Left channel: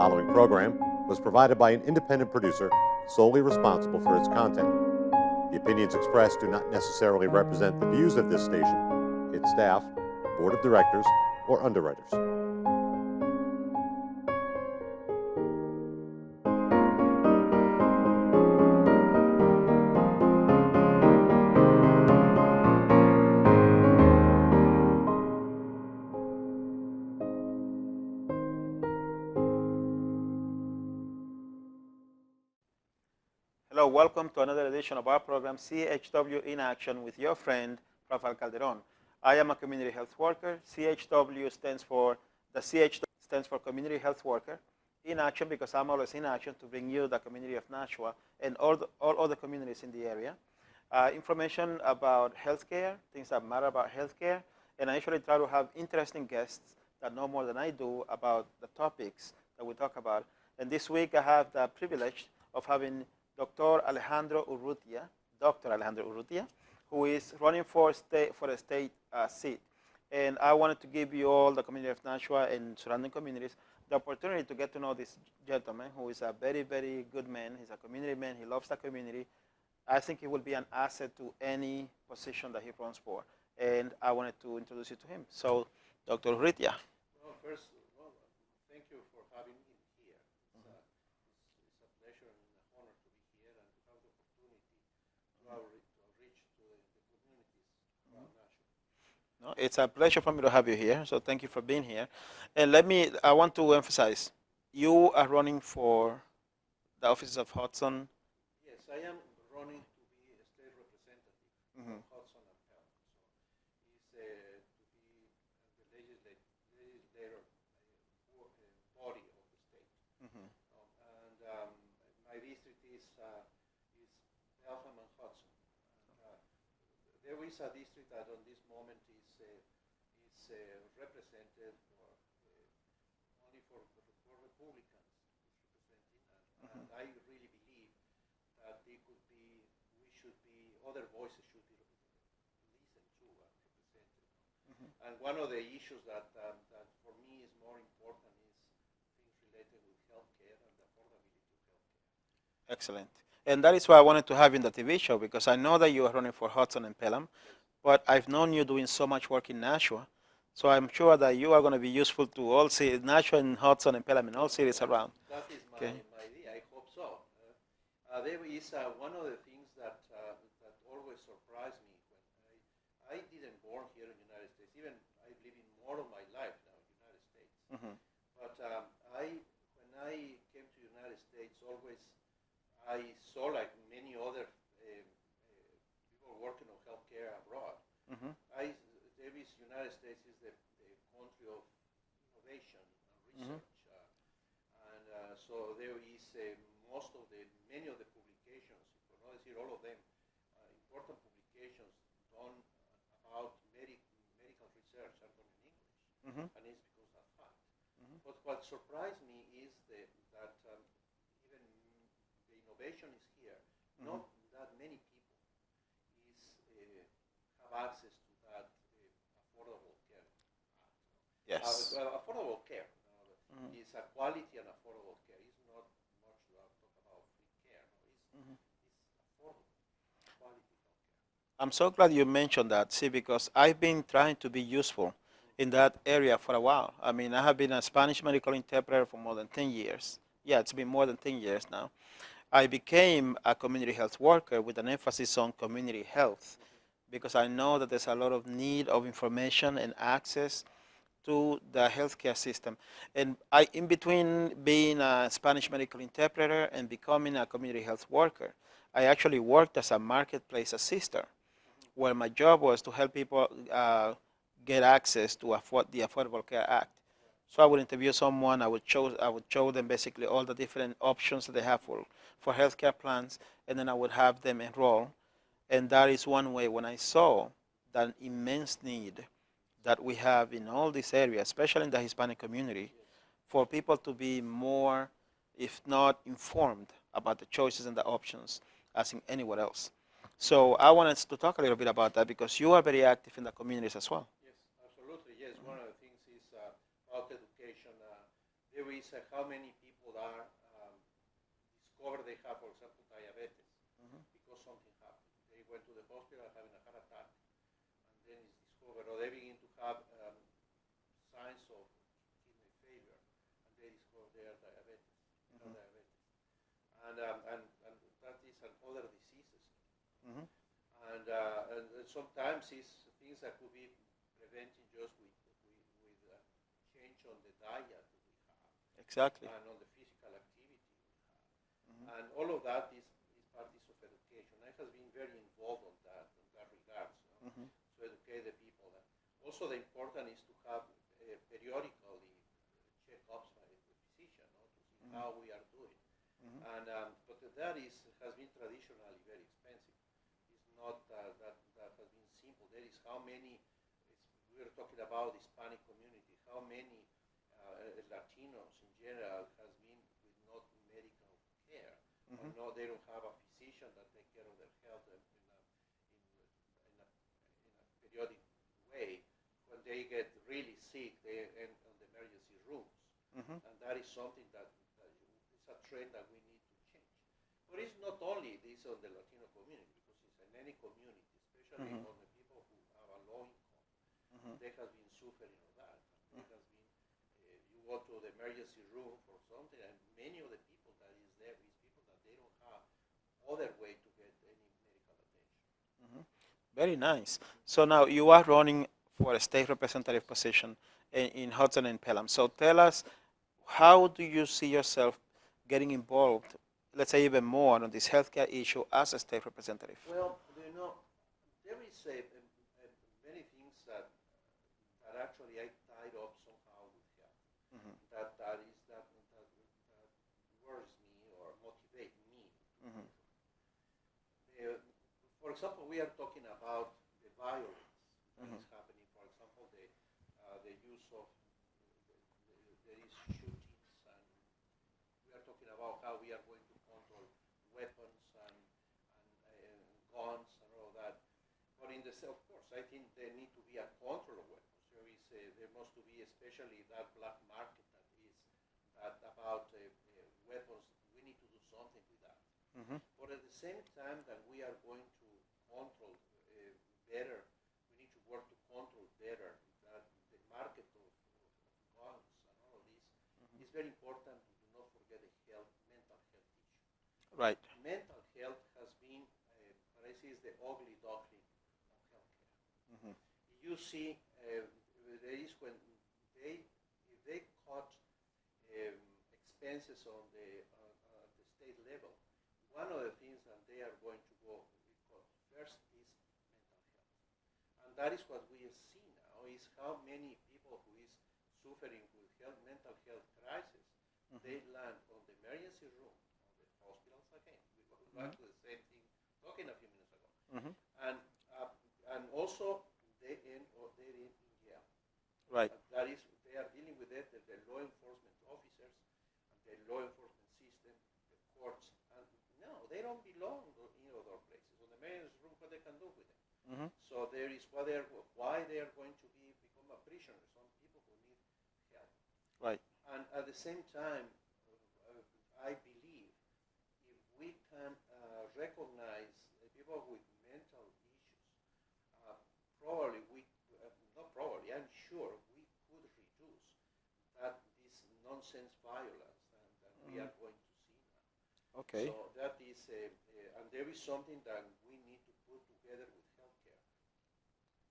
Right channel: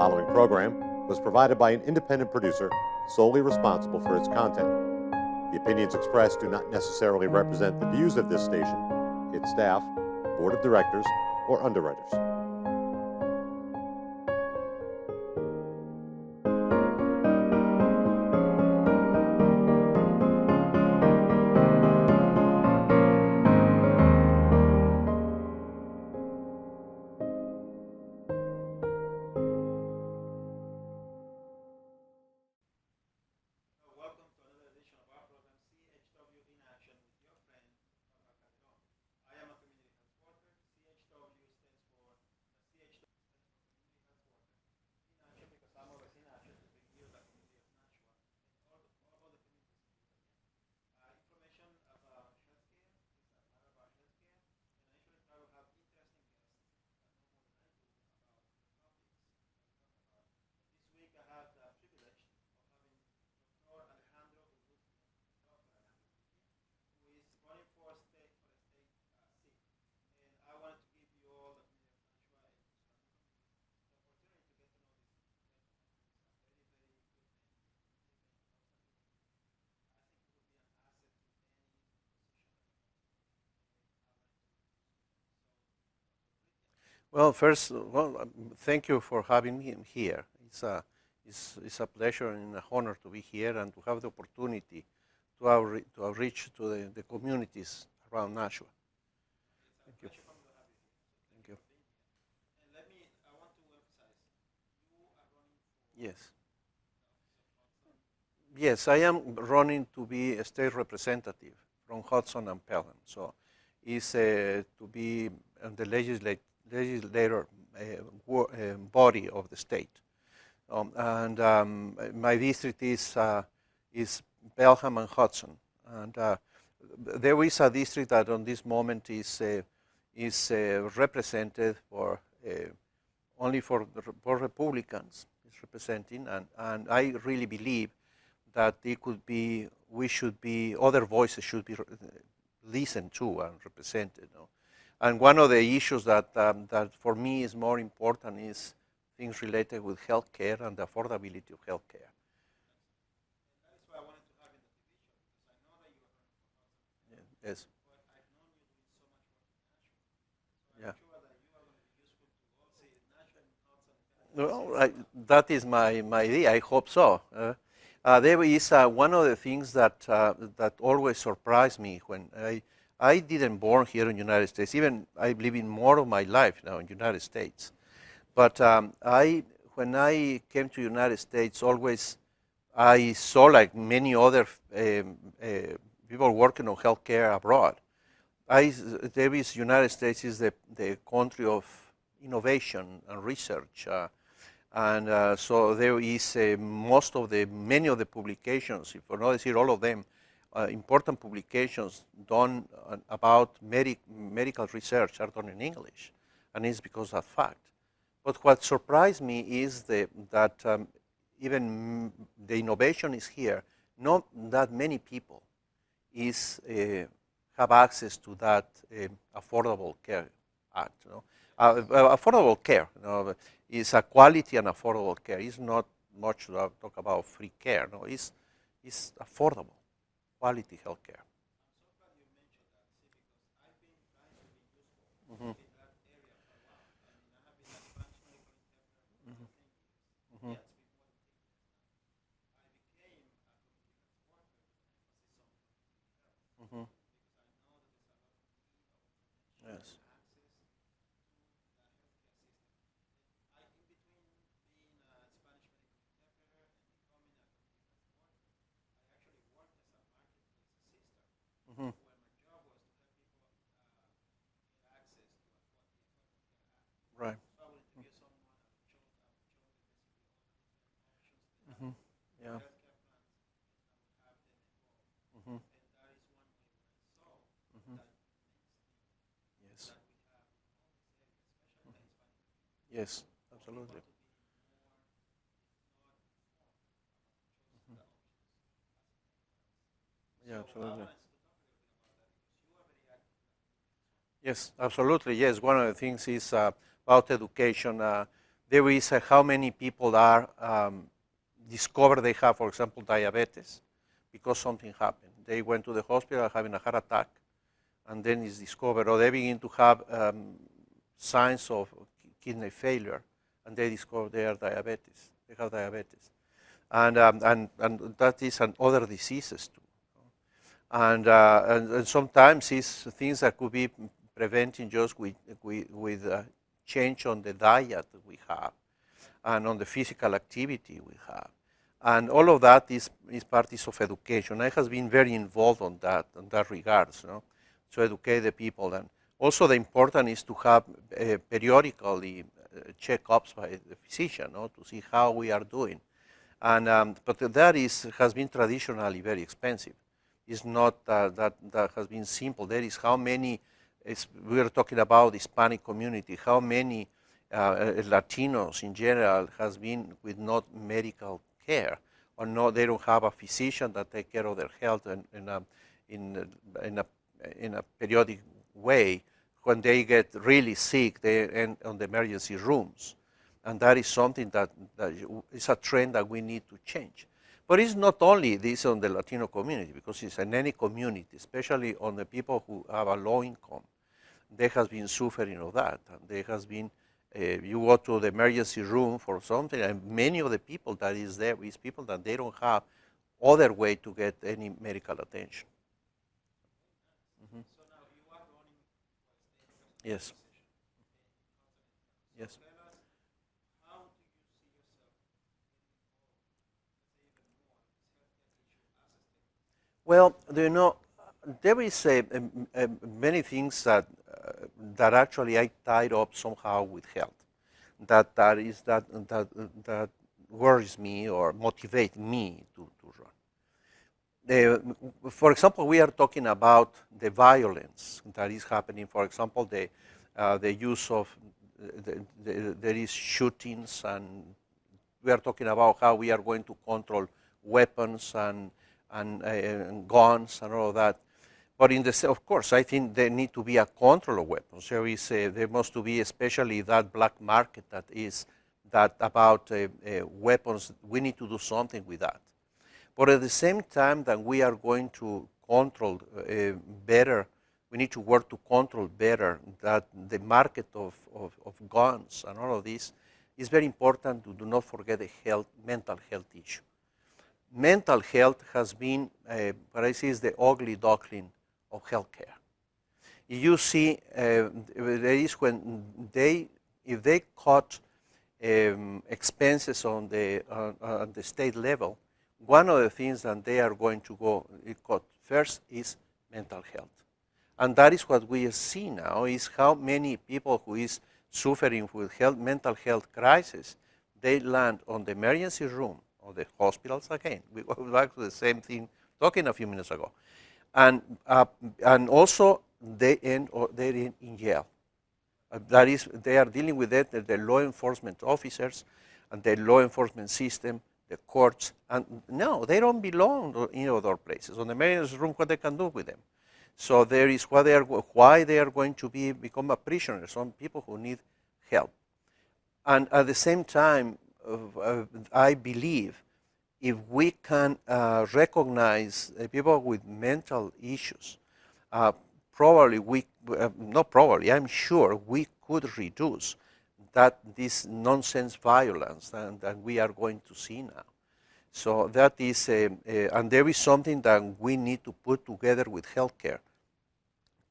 following program was provided by an independent producer solely responsible for its content. The opinions expressed do not necessarily represent the views of this station, its staff, board of directors, or underwriters. Hello, welcome to another edition of our program, CHW in Action, with your friend, Rafael Calderon. I am a community health worker. CHW stands for, the CHW stands for Community Health Worker in Action, because I'm always in action to bring you the community of Nashua and all other communities in the area. Information about healthcare, things that matter about healthcare, and I usually try to have interesting guests that know more than I do about the topics that we talk about. And this week I have the privilege of having Dr. Alejandro Urrutia, who is running for a state seat. And I wanted to give you all, the community of Nashua and surrounding communities, the opportunity to get to know this gentleman, who is a very, very good man. He's a community man. He loves the community. I think he will be an asset to any position that he runs for. And I wanted to introduce you to him. So, Dr. Urrutia. Well, first, thank you for having me here. It's a pleasure and an honor to be here and to have the opportunity to outreach to the communities around Nashua. No, it's a pleasure for me to have you here, so thank you for being here. And I want to emphasize, you are running for the offices of Hudson. Yes, I am running to be a state representative from Hudson and Pelham. So it's to be the legislator body of the state. My district is Pelham and Hudson, and there is a district that on this moment is represented for only for Republicans. It's representing, and I really believe that other voices should be listened to and represented. And one of the issues that for me is more important is things related with healthcare and the affordability of healthcare. Excellent. And that is why I wanted to have you in the TV show, because I know that you are running for Hudson and Pelham. Yes. But I've known you doing so much work in Nashua, so I'm sure that you are going to be useful to all cities, Nashua and Hudson and Pelham and all cities around. That is my idea. I hope so. There is one of the things that always surprised me when I didn't born here in the United States. Even I live in more of my life now in the United States. But when I came to the United States, always I saw, like many other people working on healthcare abroad. United States is the country of innovation and research, and so there is many of the publications, if not decir all of them, important publications done about medical research are done in English, and it's because of that fact. But what surprised me is that even the innovation is here. Not that many people have access to that Affordable Care Act. Yes. Affordable care is a quality and affordable care. It's not much to talk about free care. It's affordable, quality health care. I'm so glad you mentioned that, because I've been trying to be useful in that area for a while. I mean, I have been a Spanish medical interpreter for more than 10 years. Yeah, it's been more than 10 years now. I became a community health worker with an emphasis on community health, because I know that there's a lot of need of information and access to the healthcare system. And in between being a Spanish medical interpreter and becoming a community health worker, I actually worked as a marketplace assister, where my job was to help people get access to the Affordable Care Act. Right. So I would interview someone. I would show them basically all the different options that they have for healthcare plans, and then I would have them enroll. And that is one way when I saw that immense need that we have in all this area, especially in the Hispanic community, for people to be more, if not informed, about the choices and the options as in anywhere else. So I wanted to talk a little bit about that, because you are very active in the communities as well. Yes, absolutely. Yes, one of the things is about education. There is how many people are discover they have, for example, diabetes because something happened. They went to the hospital having a heart attack, and then it's discovered, or they begin to have signs of kidney failure, and they discover they are diabetes. They have diabetes, and that is and other diseases too. And sometimes it's things that could be preventing just with change on the diet that we have, Exactly. and on the physical activity we have. And all of that is parties of education. I has been very involved on that regards, to educate the people. And also the important is to have periodically checkups by the physician, to see how we are doing. And but that has been traditionally very expensive. It's not that has been simple. There is how many, we are talking about the Hispanic community, how many Latinos in general has been with not medical care, or no, they don't have a physician that take care of their health in a periodic way. When they get really sick, they end on the emergency rooms, and that is something that is a trend that we need to change. But it's not only this on the Latino community, because it's in any community, especially on the people who have a low income. There has been suffering of that, and there has been. You go to the emergency room for something, and many of the people that is there is people that they don't have other way to get any medical attention. Very nice. So now you are running for a state representative Yes. position in Hudson and Pelham. So tell us, how do you see yourself getting involved, let's say even more on this healthcare issue as a state representative? Well, there is many things that actually I tied up somehow with health. That worries me or motivate me to run. For example, we are talking about the violence that is happening. For example, the use of there is shootings, and we are talking about how we are going to control weapons and guns and all of that. But of course, I think there need to be a control of weapons. There must be, especially that black market that is about weapons. We need to do something with that. But at the same time that we are going to control better, we need to work to control better that the market of guns and all of this is very important to do not forget the mental health issue. Right. Mental health has been, what I see is the ugly duckling of healthcare. You see, there is if they cut expenses on the state level, one of the things that they are going to cut first is mental health. And that is what we see now, is how many people who is suffering with mental health crisis, they land on the emergency room of the hospitals again. We go back to the same thing talking a few minutes ago. And also they're in jail. Right. That is, they are dealing with it, the law enforcement officers and the law enforcement system, the courts, and no, they don't belong in other places. On the emergency room, what they can do with them. So there is why they are going to become a prisoner, some people who need help. Right. And at the same time, I believe if we can recognize people with mental issues, I'm sure we could reduce this nonsense violence that we are going to see now. Okay. So that is, and there is something that we need to put together with healthcare:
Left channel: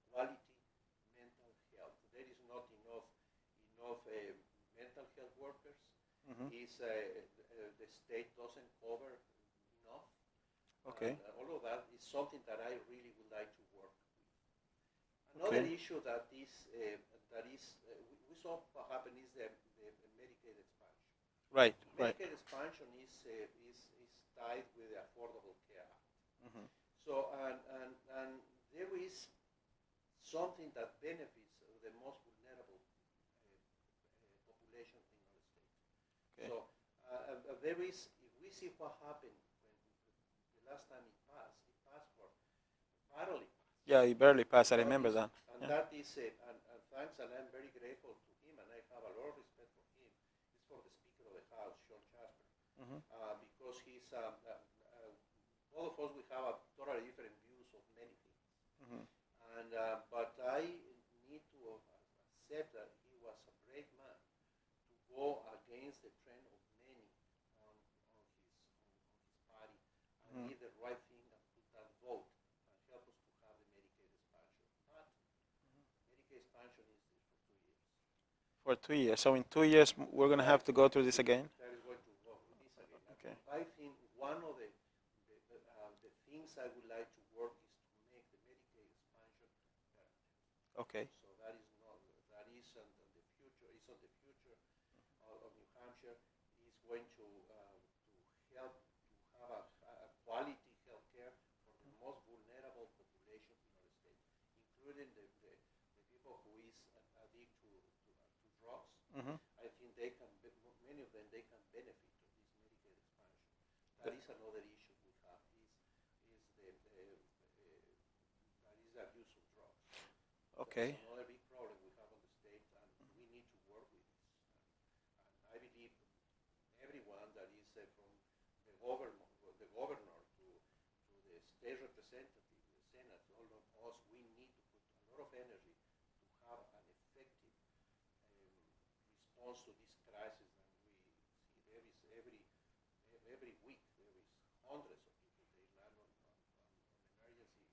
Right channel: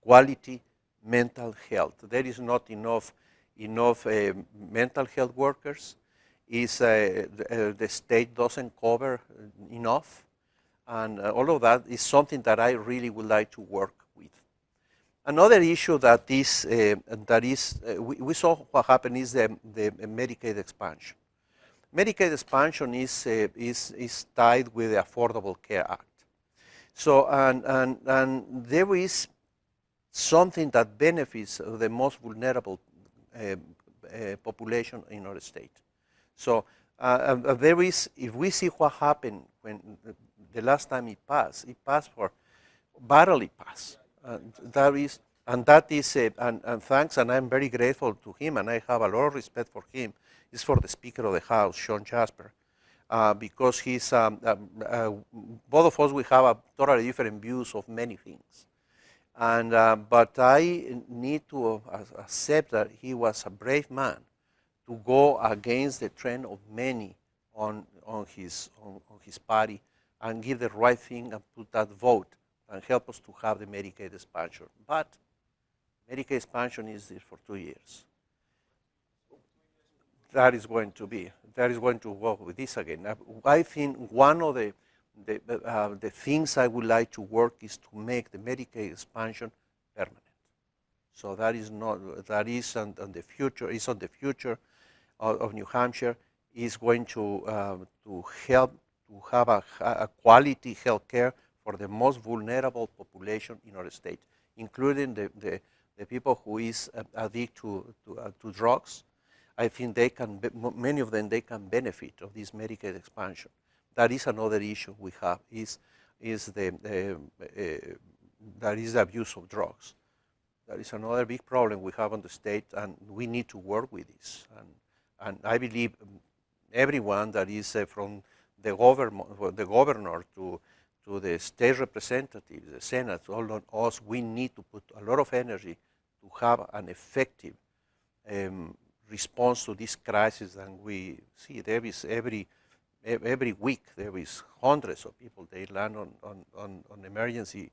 quality mental health. There is not enough mental health workers. The state doesn't cover enough, and all of that is something that I really would like to work with. Another issue that is we saw what happened is the Medicaid expansion. Right. Medicaid expansion is tied with the Affordable Care Act. So and there is something that benefits the most vulnerable population in our state. So if we see what happened when the last time it passed for barely passed. Yeah, he barely passed. I That remember is, that. and that is, and thanks, and I'm very grateful to him, and I have a lot of respect for him. Is for the Speaker of the House, Sean Jasper, because he's both of us we have a totally different views of many things, and but I need to accept that he was a brave man to go against the trend of many on his party and give the right thing and put that vote and help us to have the Medicaid expansion. But Medicaid expansion is there for 2 years. For 2 years. So in 2 years, we're going to That have is to go going through to this be, again? that is going to work with this again. Okay. I think one of the things I would like to work is to make the Medicaid expansion permanent. Okay. So that is not, that is on the future, is on the future of New Hampshire, is going to help to have a quality health care for the most vulnerable population in our state, including the people who is addicted to drugs. I think they can, many of them, they can benefit of this Medicaid expansion. That is another issue we have, is that is the abuse of drugs. Okay. That is another big problem we have on the state, and we need to work with this. And I believe everyone that is from the governor to the state representatives, the Senate, all of us, we need to put a lot of energy to have an effective response to this crisis. And we see there is every week there is hundreds of people, they land on emergency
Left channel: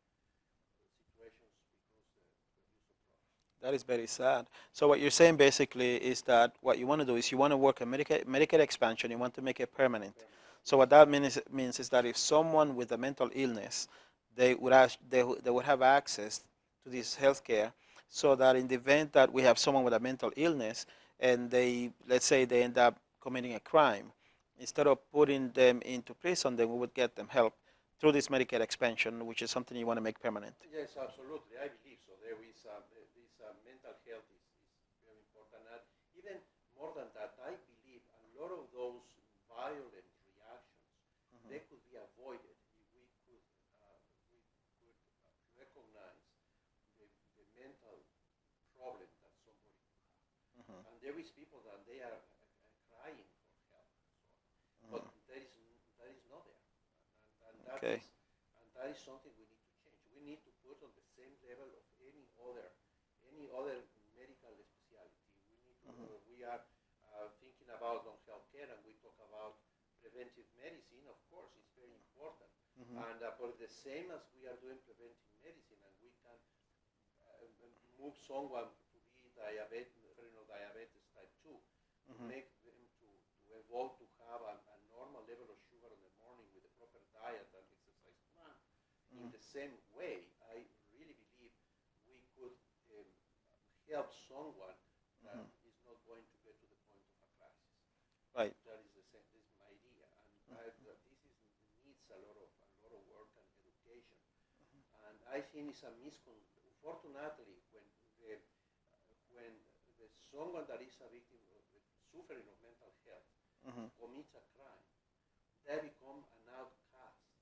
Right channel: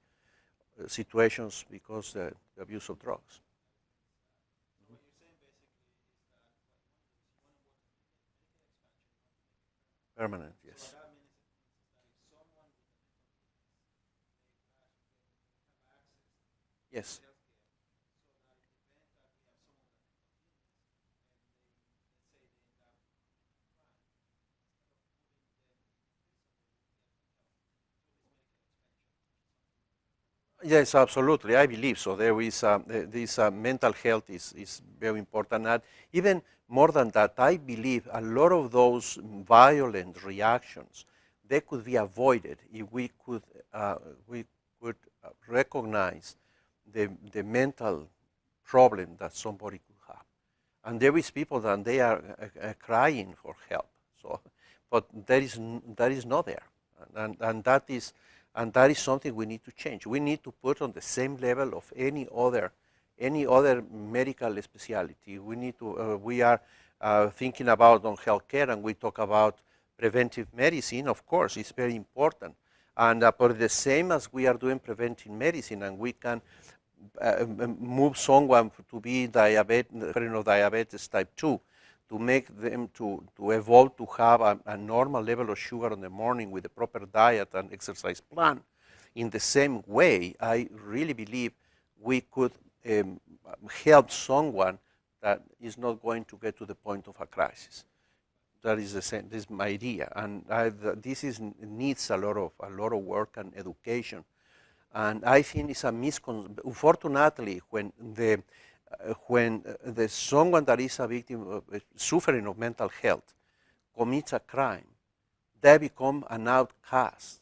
situations because the abuse of drugs. That is very sad. So what you're saying basically is that what you want to do is you want to work a Medicaid expansion, you want to make it permanent. Permanent. So what that means is that if someone with a mental illness, they would have access to this health care, so that in the event that we have someone with a mental illness and let's say they end up committing a crime, instead of putting them into prison, then we would get them help through this Medicaid expansion, which is something you want to make permanent. Yes, absolutely. I believe so. There is this mental health is very important. And even more than that, I believe a lot of those violent reactions, they could be avoided if we could recognize the mental problem that somebody could have. And there is people that they are crying for help. So, but that is not there. And that is something we need to change. We need to put on the same level of any other medical specialty. We need to. We are thinking about on healthcare, and we talk about preventive medicine. Of course, it's very important. And for the same as we are doing preventive medicine, and we can move someone to be diabetes type 2. To make them to evolve to have a normal level of sugar in the morning with a proper diet and exercise plan. In the same way, I really believe we could help someone that is not going to get to the point of a crisis. Right. That is the same. This is my idea, and this needs a lot of work and education. And I think it's a misconception. Unfortunately, when someone that is a victim of suffering of mental health commits a crime, they become an outcast.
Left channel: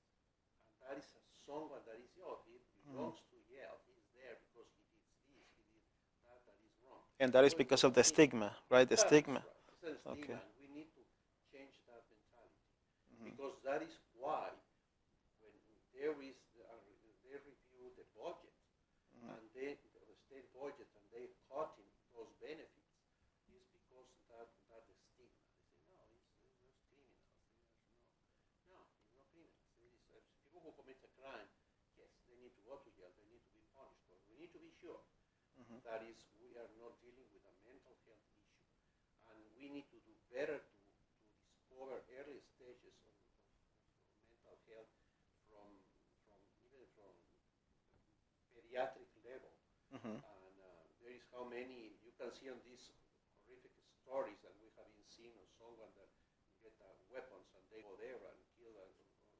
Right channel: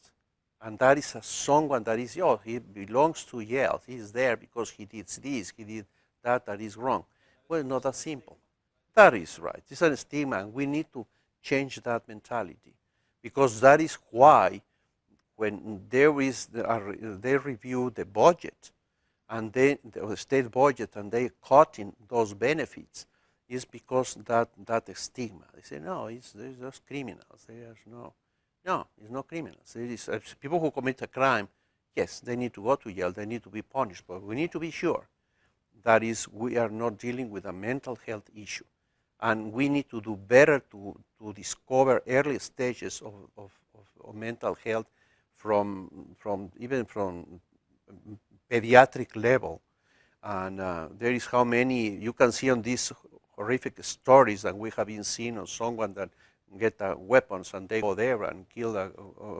And that is someone that is, he belongs to jail. He is there because he did this, he did that is wrong. And that is because of the stigma, right? That is right. It's a stigma, and we need to change that mentality. Because that is why when they review the budget, and the state budget, and they cut in those benefits, is because that stigma. They say, no, there's just criminals. There's no, it's not criminals. It is people who commit a crime. Yes, they need to go to jail. They need to be punished. But we need to be sure that is we are not dealing with a mental health issue, and we need to do better to discover early stages of mental health even from pediatric level. And there is how many you can see on these horrific stories that we have been seeing of someone that get weapons and they go there and kill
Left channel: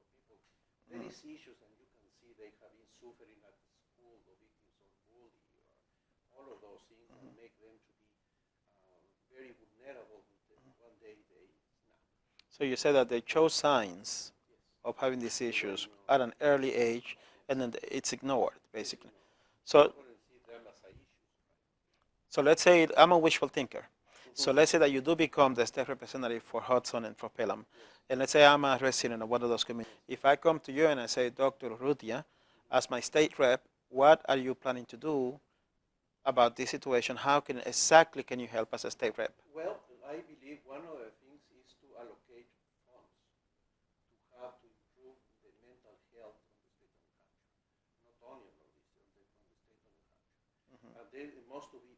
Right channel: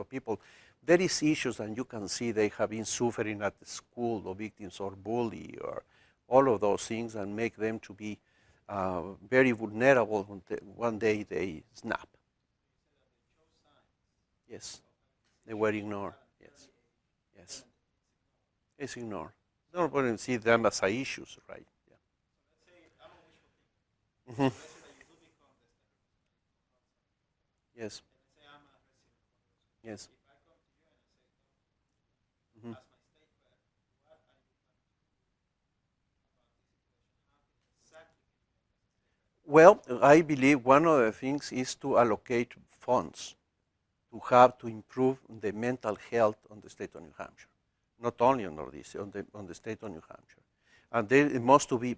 people. There is issues, and you can see they have been suffering at the school, or victims or bully, or all of those things, and make them to be very vulnerable one day they snap. So you said that they chose signs Yes. of having these They were issues ignored. at an early age, Yes. and then it's ignored, basically. It's ignored. So we wouldn't see them as issues, right? So let's say I'm a wishful thinker. So Mhm. let's say that you do become the state representative for Hudson and for Pelham. Yes. And let's say I'm a resident of one of those communities. Yes. If I come to you and I say, Dr. Urrutia, Mhm. as my state rep, what are you planning to do about this situation? How exactly can you help as a state rep? Well, I believe one of the things is to allocate funds to improve the mental health on the state of New Hampshire, not only on Northeast, on the state of New Hampshire. And there it must to be,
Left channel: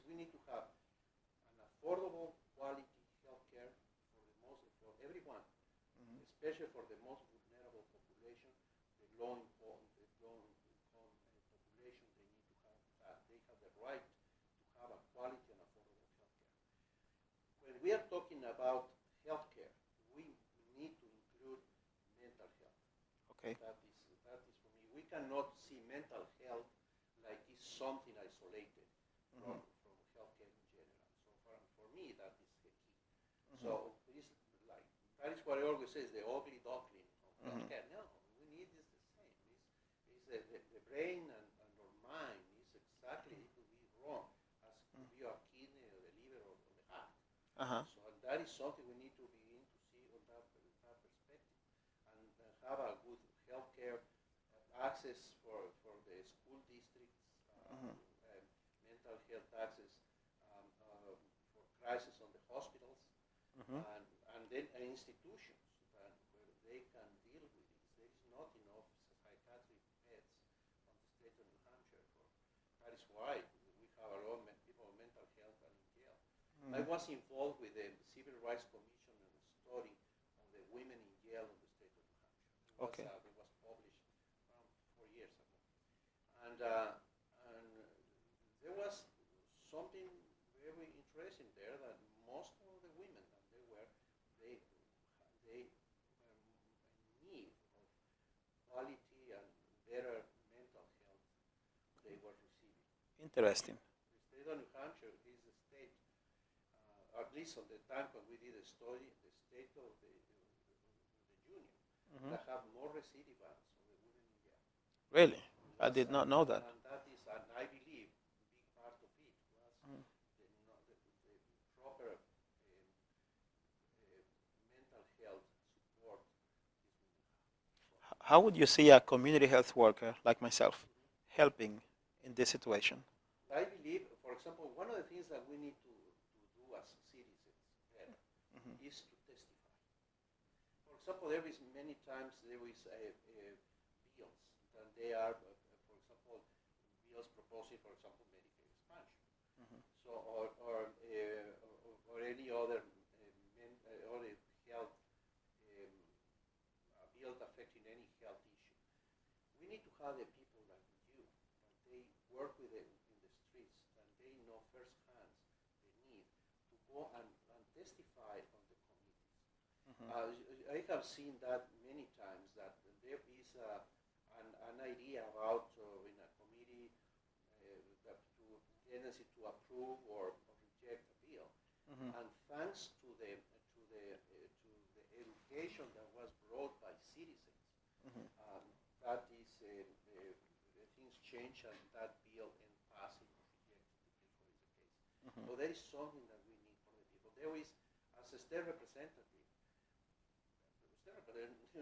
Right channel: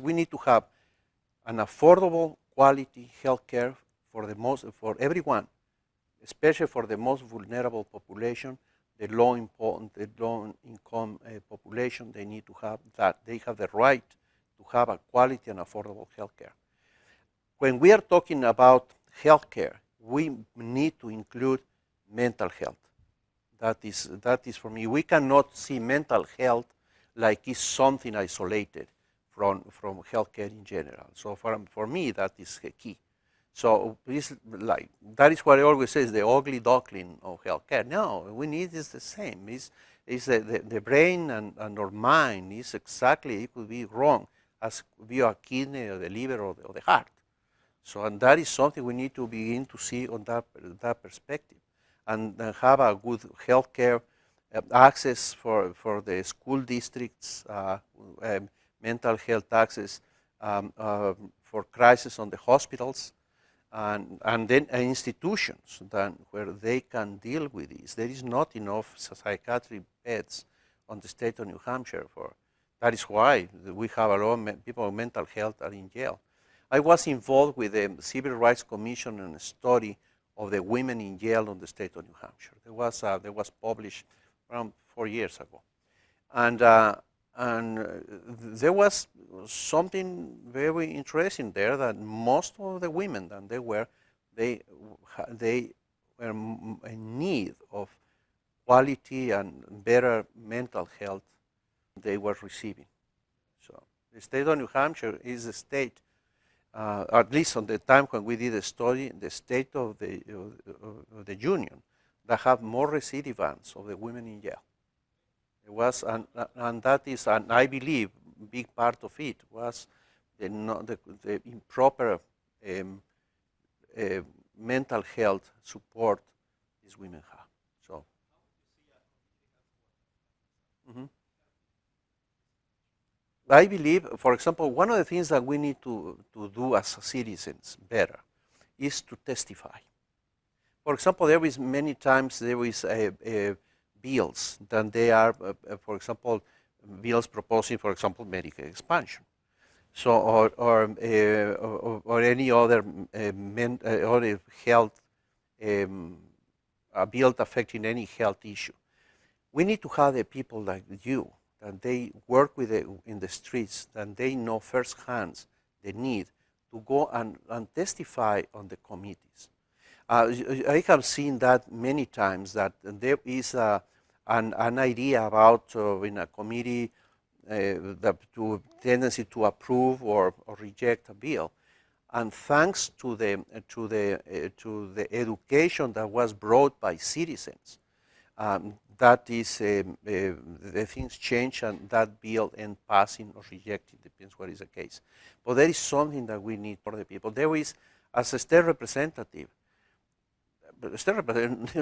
we need to have an affordable quality health care for everyone, especially for the most vulnerable population, the low income population. They need to have that. They have the right to have a quality and affordable health care. When we are talking about health care, we need to include mental health. Okay. That is for me. We cannot see mental health like it's something isolated from healthcare in general. So for me, that is key. So that is what I always say is the ugly duckling of healthcare. No, we need is the same. It's the brain and our mind is exactly, it could be wrong as could be a kidney or the liver or the heart. So and that is something we need to begin to see on that perspective, and have a good healthcare access for the school districts, mental health access for crisis on the hospitals, and then institutions where they can deal with this. There is not enough psychiatric beds on the state of New Hampshire. That is why we have a lot of people with mental health are in jail. I was involved with the Civil Rights Commission and a study of the women in jail on the state of New Hampshire. There was published around 4 years ago, and there was something very interesting there, that most of the women that they were in need of quality and better mental health they were receiving. Interesting. So the state of New Hampshire is a state, at least on the time when we did a study, the state of the union that have more recidivants of the women in jail. Really? I did not know that. And that is, and I believe, big part of it was the improper mental health support these women have. So, how would you see a community health worker like myself helping in this situation? I believe, for example, one of the things that we need to do as citizens better is to testify. For example, there is many times there is bills that they are, for example, bills proposing, for example, Medicaid expansion. So, or any other other health bill affecting any health issue. We need to have the people like you, that they work with in the streets, that they know firsthand the need to go and testify on the committees. I have seen that many times, that there is an idea about in a committee the tendency to approve or reject a bill, and thanks to the education that was brought by citizens, that is the things change, and that bill end passing or rejecting, depends what is the case. But there is something that we need for the people. There is, as a state representative, there's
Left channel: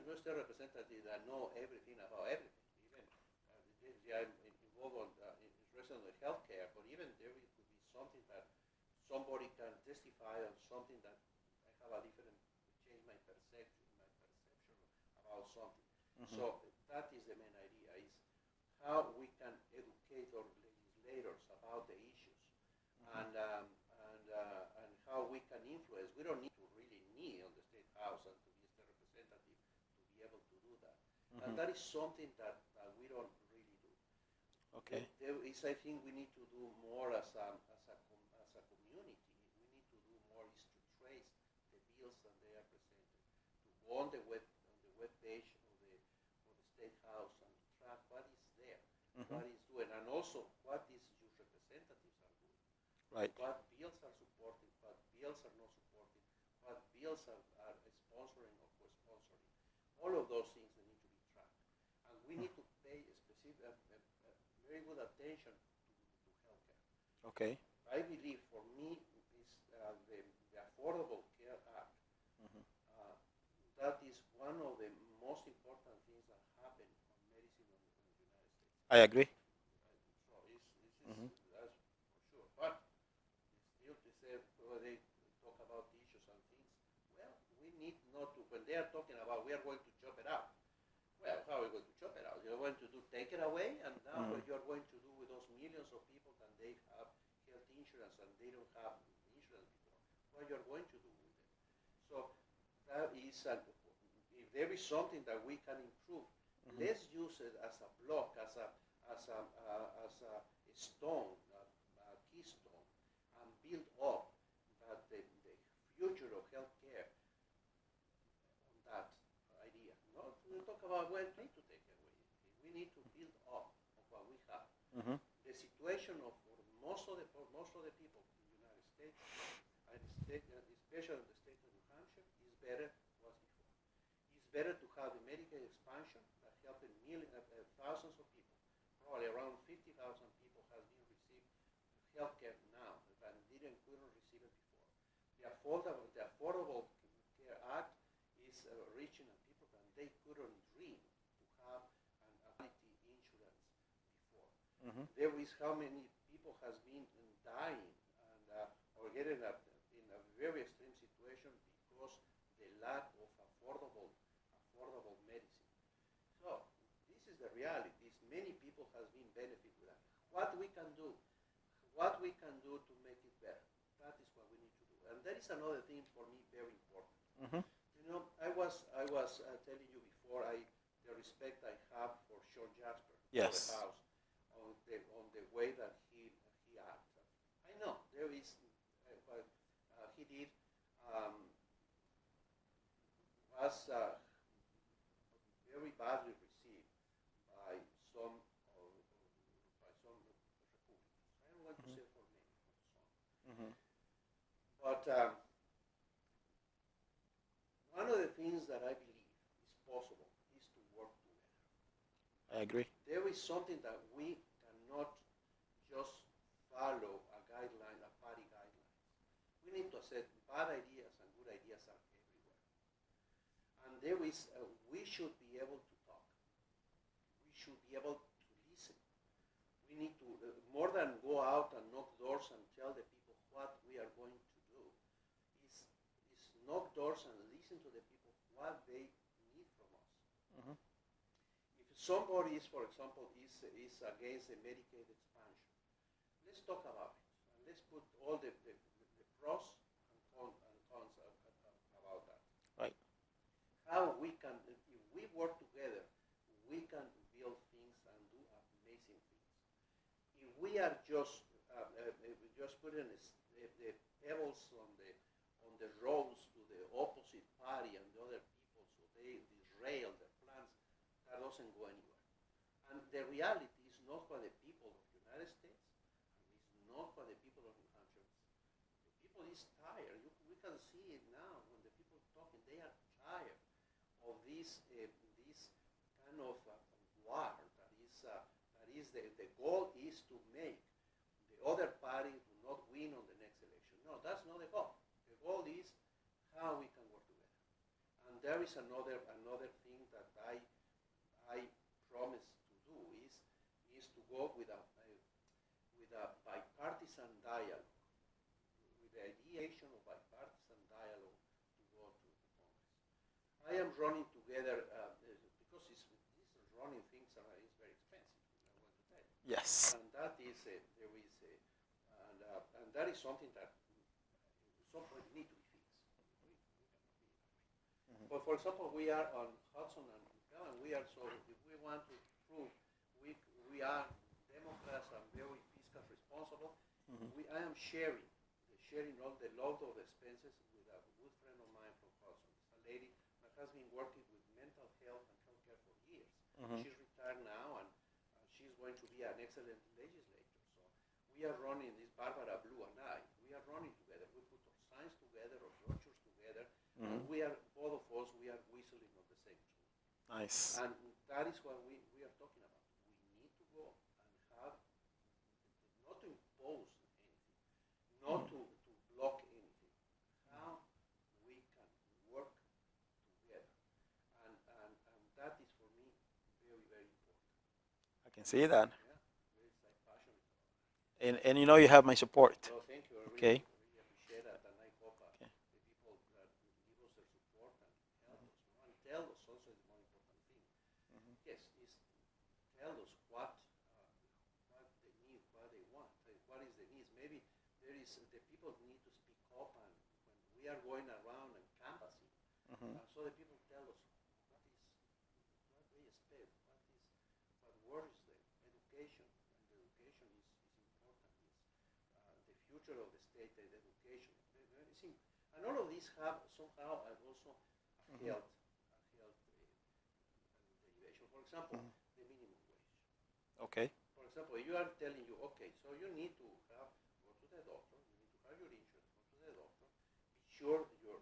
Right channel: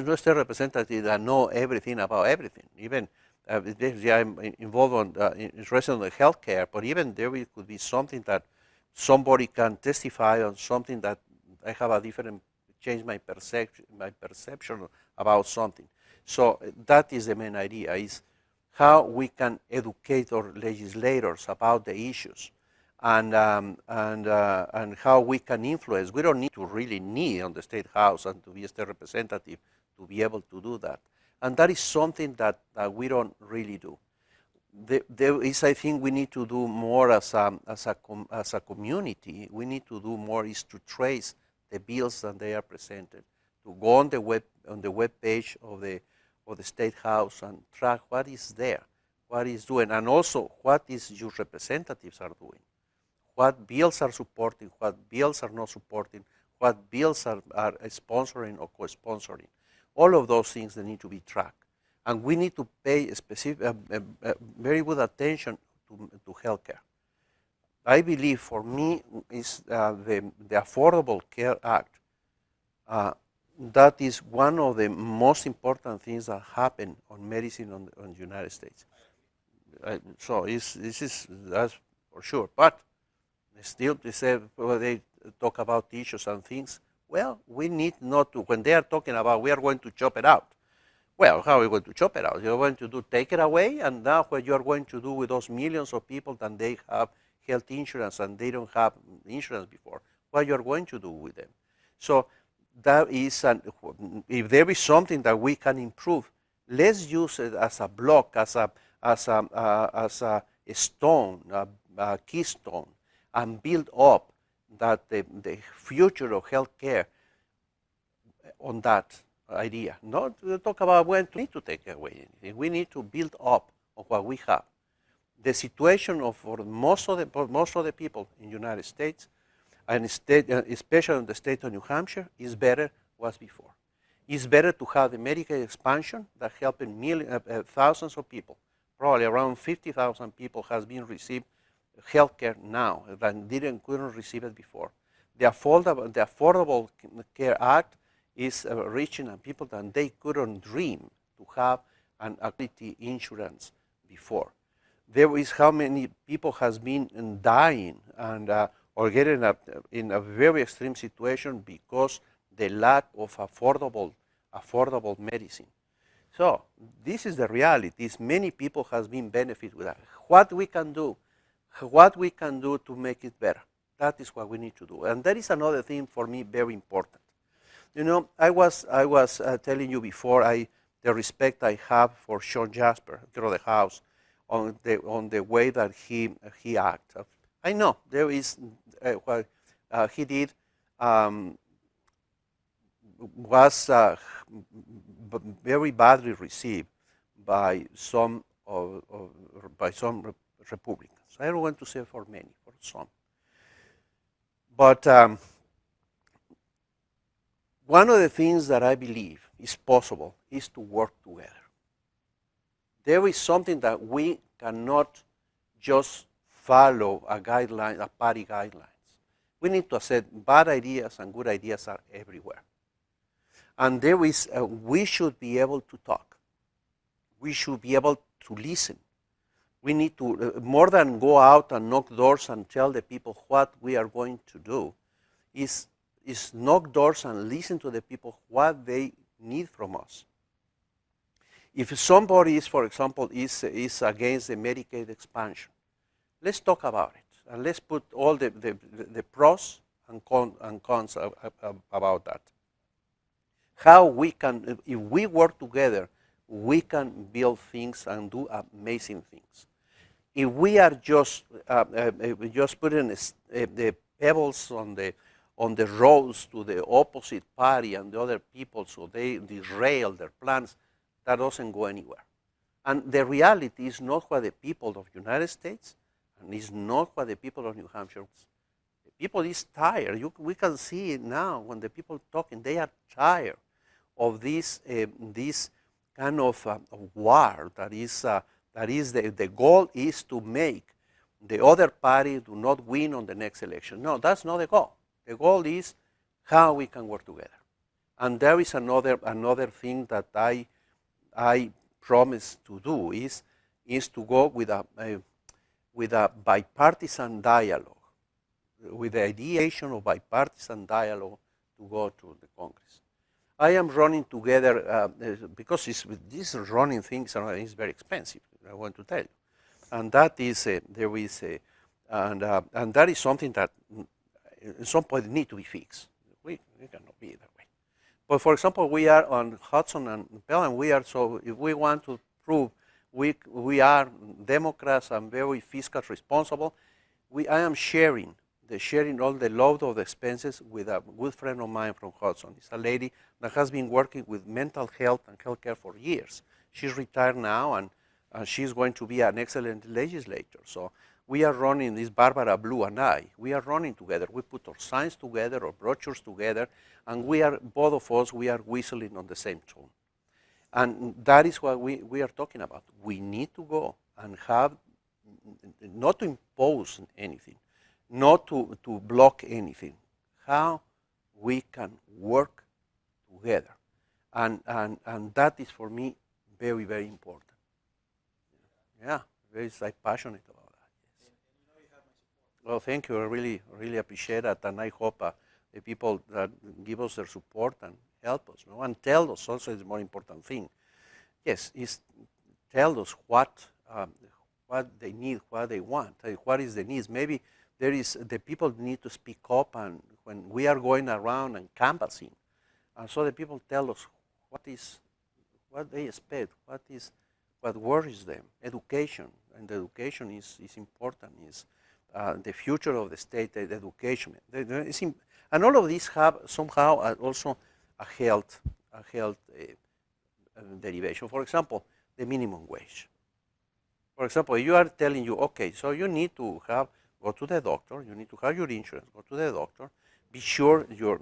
no state representative that know everything about everything. Even I'm involved interested in the healthcare, but even there could be something that somebody can testify on, something that I have a different, change my perception about something. So that is the main idea, is how we can educate our legislators about the issues, and how we can influence. We don't need to really need on the State House and to be a state representative to be able to do that. And that is something that we don't really do. There is, I think, we need to do more as a community. We need to do more is to trace the bills that they are presented, to go on the web page of the State House and track what is there, what is doing, and also what is your representatives are doing. Right. What bills are supporting, what bills are not supporting, what bills are sponsoring or co-sponsoring. All of those things that need to be tracked. And we need to pay very good attention to healthcare. Okay. I believe, for me, is the Affordable Care Act. That is one of the most important things that happen on medicine on the United States. I agree. So that's for sure. But still, they talk about issues and things. Well, we need not to, when they are talking about we are going to chop it out. Well, how are we going to chop it out? You're going to take it away, and now what you are going to do with those millions of people that they have health insurance and they don't have insurance before, what you are going to do with them. So that is, if there is something that we can improve, let's use it as a block, as a stone, a keystone, and build up that the future of healthcare on that idea. Not to talk about when to need to take away anything. We need to build up on what we have. The situation for most of the people in the United States, and especially in the state of New Hampshire, is better was before. It's better to have the Medicaid expansion that helping thousands of people. Probably around 50,000 people has been received health care now that couldn't receive it before. The Affordable Care Act is reaching people that they couldn't dream to have an quality insurance before. There is how many people has been dying and or getting in a very extreme situation because the lack of affordable medicine. So this is the reality. Many people has been benefit with that. What we can do to make it better. That is what we need to do. And that is another thing for me very important. You know, I was telling you before the respect I have for Sean Jasper through the House on the way that he acts. I know there is what he did was very badly received by some Republicans. I don't want to say for many, for some. But one of the things that I believe is possible is to work together. I agree. There is something that we cannot just follow a party guidelines. We need to accept bad ideas and good ideas are everywhere. And there is, we should be able to talk. We should be able to listen. We need to, more than go out and knock doors and tell the people what we are going to do, is knock doors and listen to the people what they need from us. If somebody is, for example, is against the Medicaid expansion, let's talk about it. And let's put all the pros and cons about that. Right. How we can, if we work together, we can build things and do amazing things. If we are just putting the pebbles on the roads to the opposite party and the other people so they derail their plans, that doesn't go anywhere. And the reality is not what the people of the United States and is not what the people of New Hampshire wants. The people is tired. We can see it now when the people talking, they are tired of this kind of war that is the goal is to make the other party do not win on the next election. No, that's not the goal. The goal is how we can work together. And there is another thing that I promise to do is to go with a bipartisan dialogue, with the ideation of bipartisan dialogue to go to the Congress. I am running together because these running things is very expensive. I want to tell you. Yes. And that is and that is something that at some point need to be fixed. We cannot be that way. But for example, we are on Hudson and Pell, and so if we want to prove we are Democrats and very fiscal responsible, I am sharing all the load of the expenses with a good friend of mine from Hudson. It's a lady that has been working with mental health and healthcare for years. She's retired now, and she's going to be an excellent legislator. So we are running, this Barbara Blue and I, we are running together. We put our signs together, our brochures together, and both of us, we are whistling on the same tune. Nice. And that is what we are talking about. We need to go and have, not to impose anything, not to block anything, how we can work together. And that is for me very, very important. I can see that. Yeah, very passionate about that. And you know you have my support. Well, thank you. I really, really appreciate that. And I hope the people that give us their support and help us, and tell us also is the more important thing. Yes, is tell us what they need, what they want, what is the needs. Maybe there is the people need to speak up, and when we are going around and canvassing, and so the people tell us what they expect, what worries them. Education, and education is important. Is the future of the state, the education. And all of these have somehow also a health derivation. For example, the minimum wage. Okay. For example, you are telling you, okay, so you need to go to the doctor, you need to have your insurance, go to the doctor, be sure your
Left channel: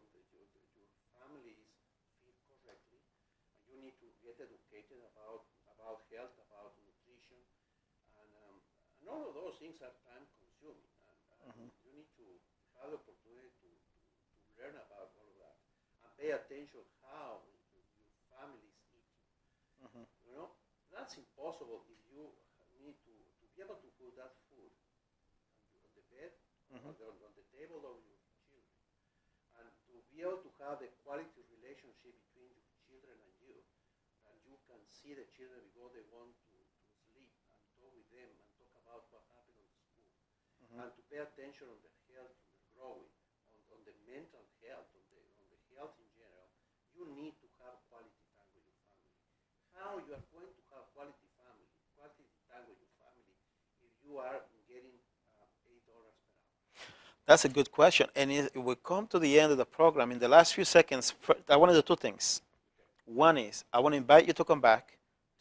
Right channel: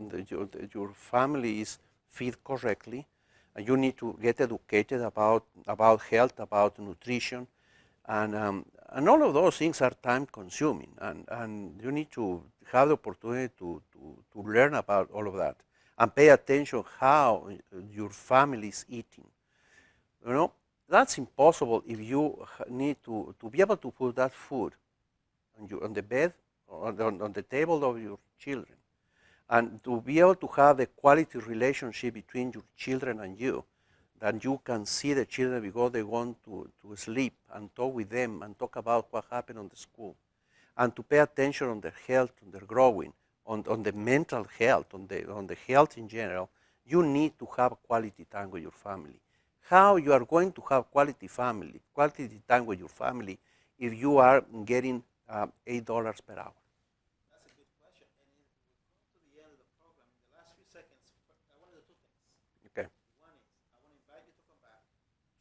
family is fed correctly, and you need to get educated about health, about nutrition, and all of those things are time consuming, and you need to have the opportunity to learn about all of that and pay attention how your family is eating. That's impossible if you need to be able to put that food on the bed or on the table of your children, and to be able to have the quality relationship between your children and you, that you can see the children before they want to sleep and talk with them and talk about what happened on the school, and to pay attention on their health, on their growing, on the mental health, on the health in general. You need to have quality time with your family. How you are going to have quality time with your family if you are getting $8 per hour? That's a good question. And if we come to the end of the program, in the last few seconds, I want to do two things. Okay. One is I want to invite you to come back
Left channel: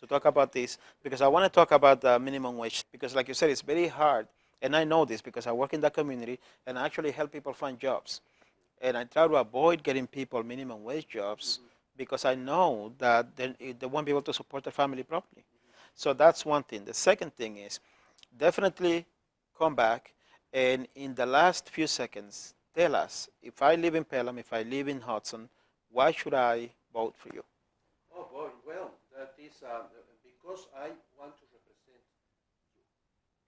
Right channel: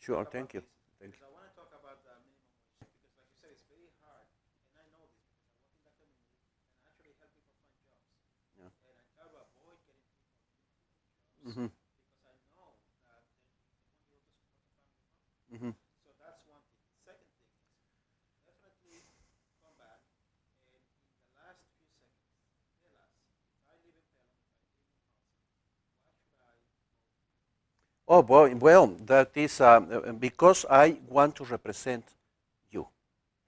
to talk about this, because I want to talk about the minimum wage, because like you said, it's very hard. And I know this because I work in that community and I actually help people find jobs. Yeah. And I try to avoid getting people minimum wage jobs because I know that they won't be able to support their family properly. So that's one thing. The second thing is definitely come back, and in the last few seconds, tell us, if I live in Pelham, if I live in Hudson, why should I vote for you? Oh, boy, well, that is because I want to represent you.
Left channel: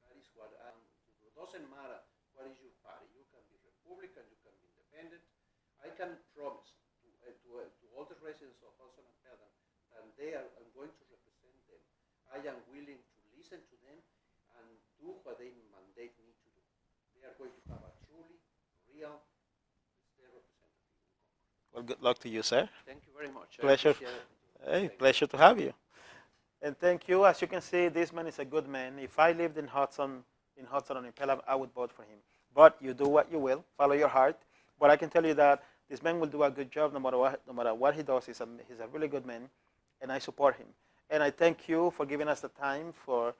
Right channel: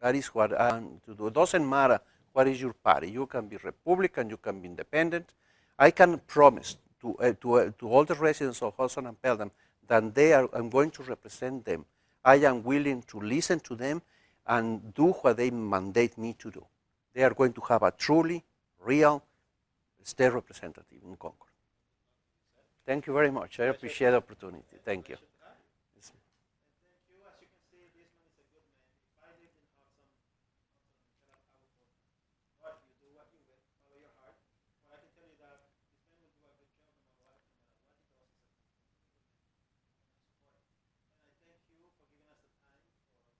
That is what I want to do. It doesn't matter what is your party. You can be Republican, you can be independent. I can promise to all the residents of Hudson and Pelham that I'm going to represent them. I am willing to listen to them and do what they mandate me to do. They are going to have a truly, real state representative in Concord. Well, good luck to you, sir. Thank you very much. I appreciate the opportunity. Hey, pleasure to have you. And thank you. As you can see, this man is a good man. If I lived in Hudson or in Pelham, I would vote for him. But you do what you will. Follow your heart. But I can tell you that this man will do a good job no matter what he does. He's a really good man, and I support him. And I thank you for giving us the time, for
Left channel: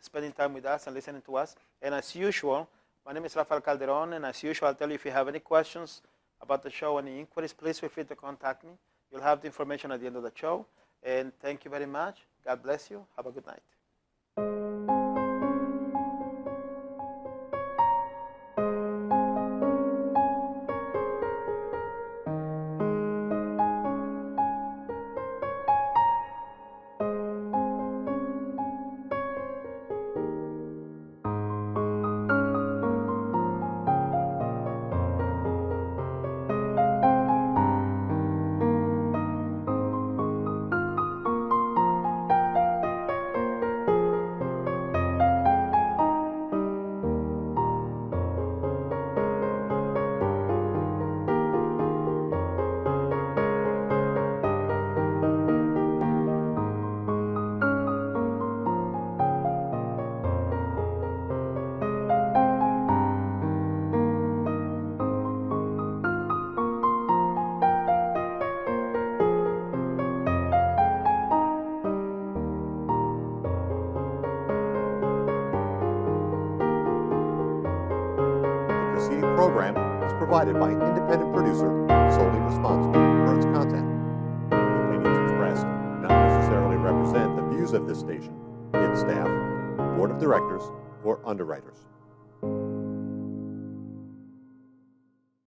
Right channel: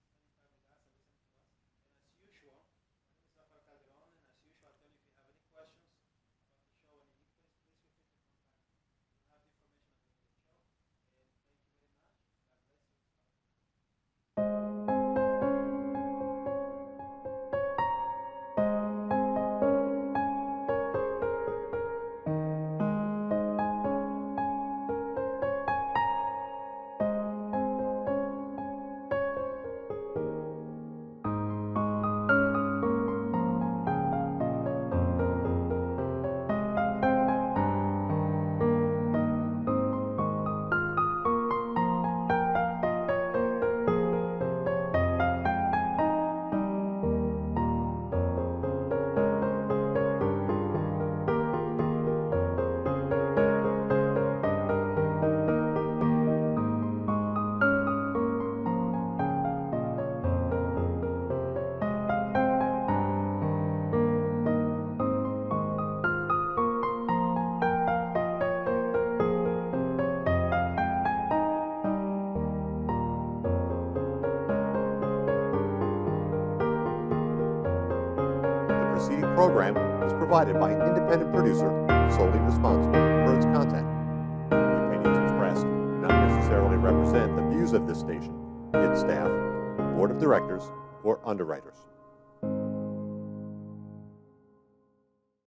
spending time with us and listening to us. And as usual, my name is Rafael Calderon, and as usual, I'll tell you if you have any questions about the show, any inquiries, please feel free to contact me. You'll have the information at the end of the show. And thank you very much. God bless you. Have a good night. The preceding program is provided by an independent producer solely responsible for its content. The opinions expressed do not represent the views of this station, its staff, board of directors, or underwriters.